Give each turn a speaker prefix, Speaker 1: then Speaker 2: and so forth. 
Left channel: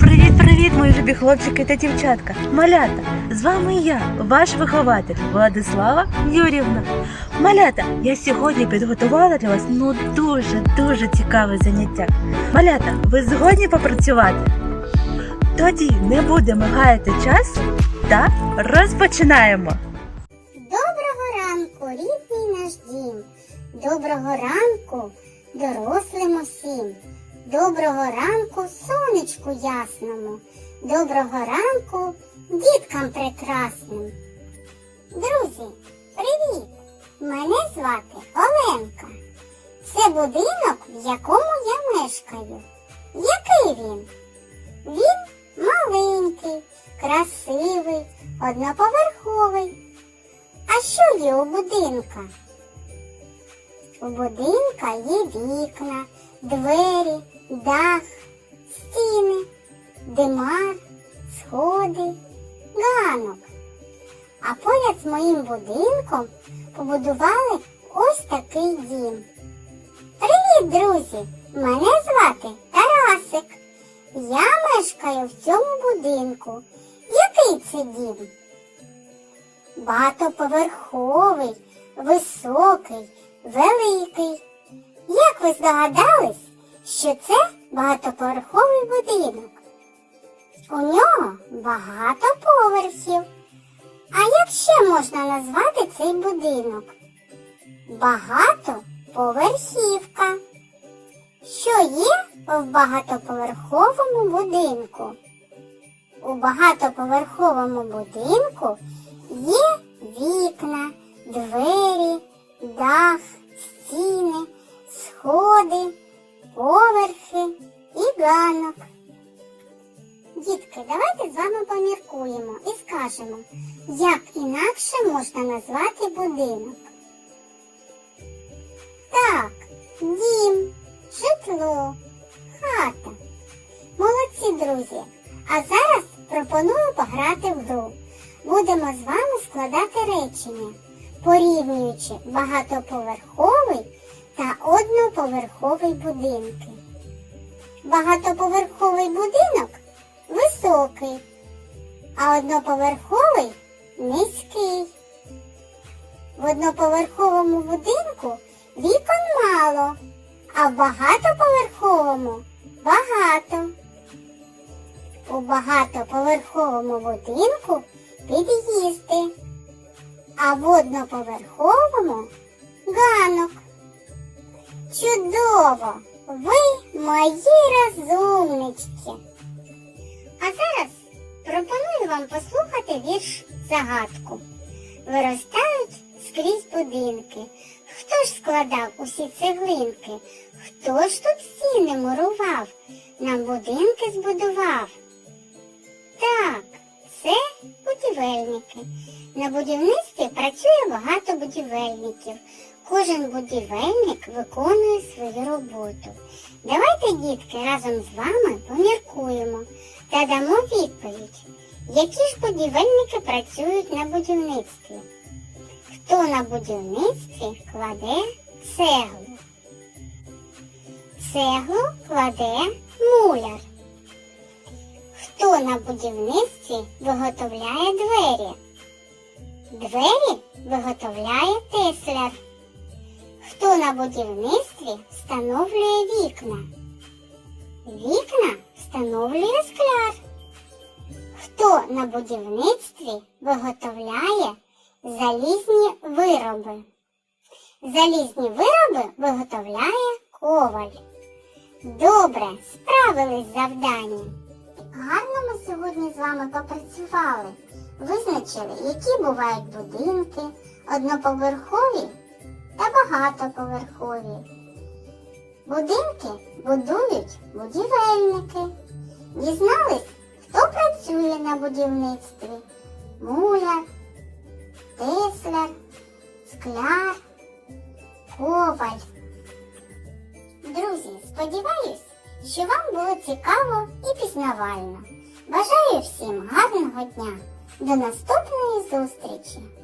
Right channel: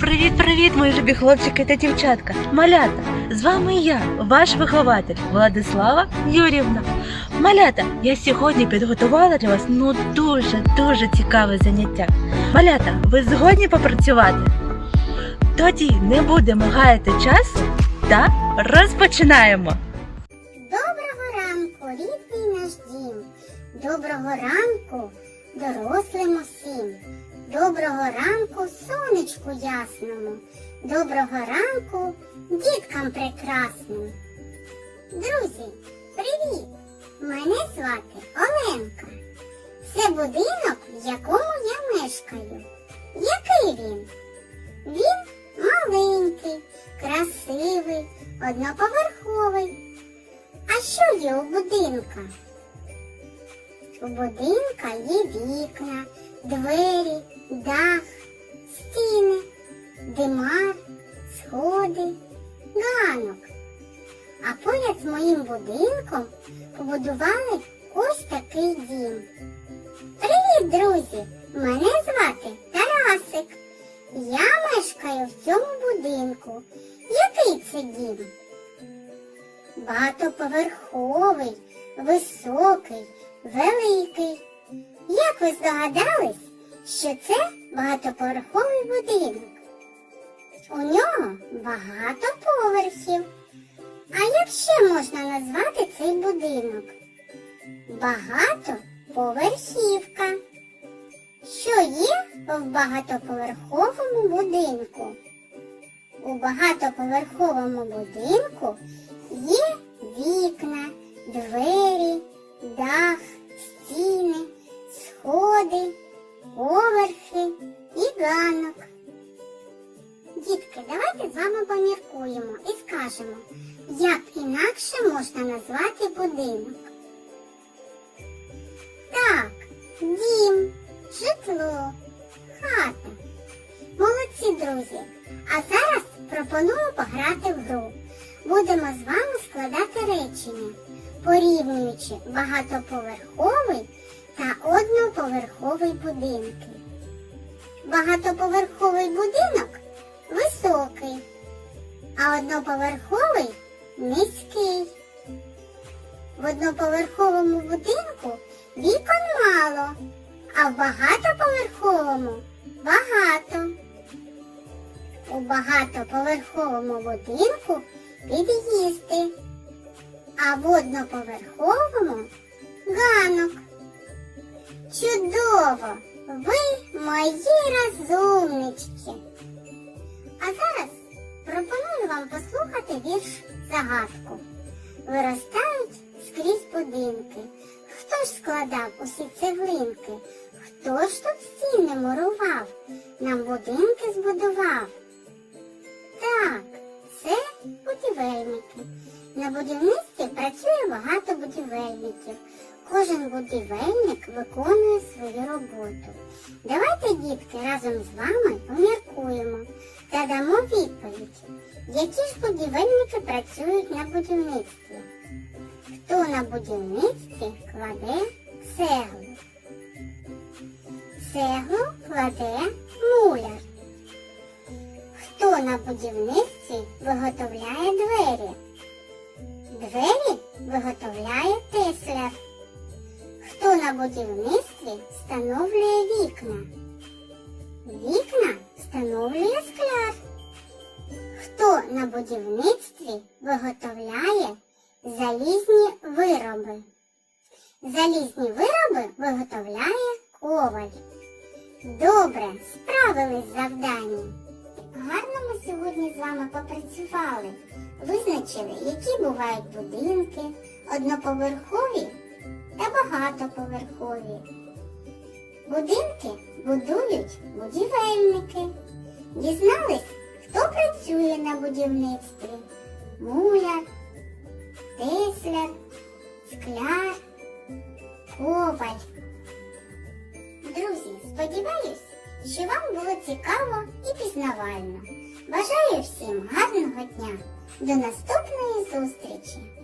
Speaker 1: Привіт, мої любі хлопчики та дівчатка, малята! З вами я, ваш вихователь Владислава Юрівна. Малята, я сьогодні підготувала для вас ну дуже дуже цікаве заняття. Малята, ви згодні попрацювати? Тоді не будемо гаяти часу та розпочинаємо.
Speaker 2: Доброго ранку, рідний наш дім. Доброго ранку, дорослим усім. Доброго ранку, сонечку ясному. Доброго ранку, діткам прекрасним. Друзі, привіт! Мене звати Оленка. Це будинок, в якому я мешкаю. Який він? Він маленький, красивий, одноповерховий. А що є у будинка? У будинка є вікна, двері, дах, стіни, димар, сходи, ганок. А поряд з моїм будинком побудували ось такий дім. Привіт, друзі! Мене звати Тарасик. Я мешкаю в цьому будинку. Який це дім? багатоповерховий, високий, великий. Як ви здогадались, що це багатоповерховий будинок? У нього багато поверхів. А як ще можна назвати цей будинок? Багатоповерхівка. Що є в багатоповерховому будинку? У багатоповерховому будинку є вікна, двері, дах, скажемо, як інакше можна назвати будинок. Так, дім, житло, хата. Молодці, друзі! А зараз пропоную пограти в гру. Будемо з вами складати речення, порівнюючи багатоповерховий та одноповерховий будинки. Багатоповерховий будинок високий, а одноповерховий низький. В одноповерховому будинку вікон мало, а в багатоповерховому багато. У багатоповерховому будинку під'їзди, а в одноповерховому ганок. Чудово! Ви мої розумнички. Загадку. Виростають скрізь будинки. Хто ж складав усі цеглинки? Хто ж тут стіни мурував? Нам будинки збудував? Так, це будівельники. На будівництві працює багато будівельників. Кожен будівельник виконує свою роботу. Давайте, дітки, разом з вами поміркуємо та дамо відповідь, які ж будівельники працюють на будівництві. Хто на будівництві кладе цеглу? Цеглу кладе муляр. Хто на будівництві виготовляє двері? Двері виготовляє тесляр. Хто на будівництві встановлює вікна? Вікна встановлює скляр. Хто на будівництві виготовляє залізні вироби? Залізні вироби виготовляє коваль. Добре, справились з завданням. Гарно ми сьогодні з вами попрацювали. Визначили, які бувають будинки, одноповерхові та багатоповерхові. Будинки будують будівельники. Дізнались, працює на будівництві? Муляр, тисляр, скляр, коваль. Друзі, сподіваюсь, що вам було цікаво і пізнавально. Бажаю всім гарного дня. До наступної зустрічі!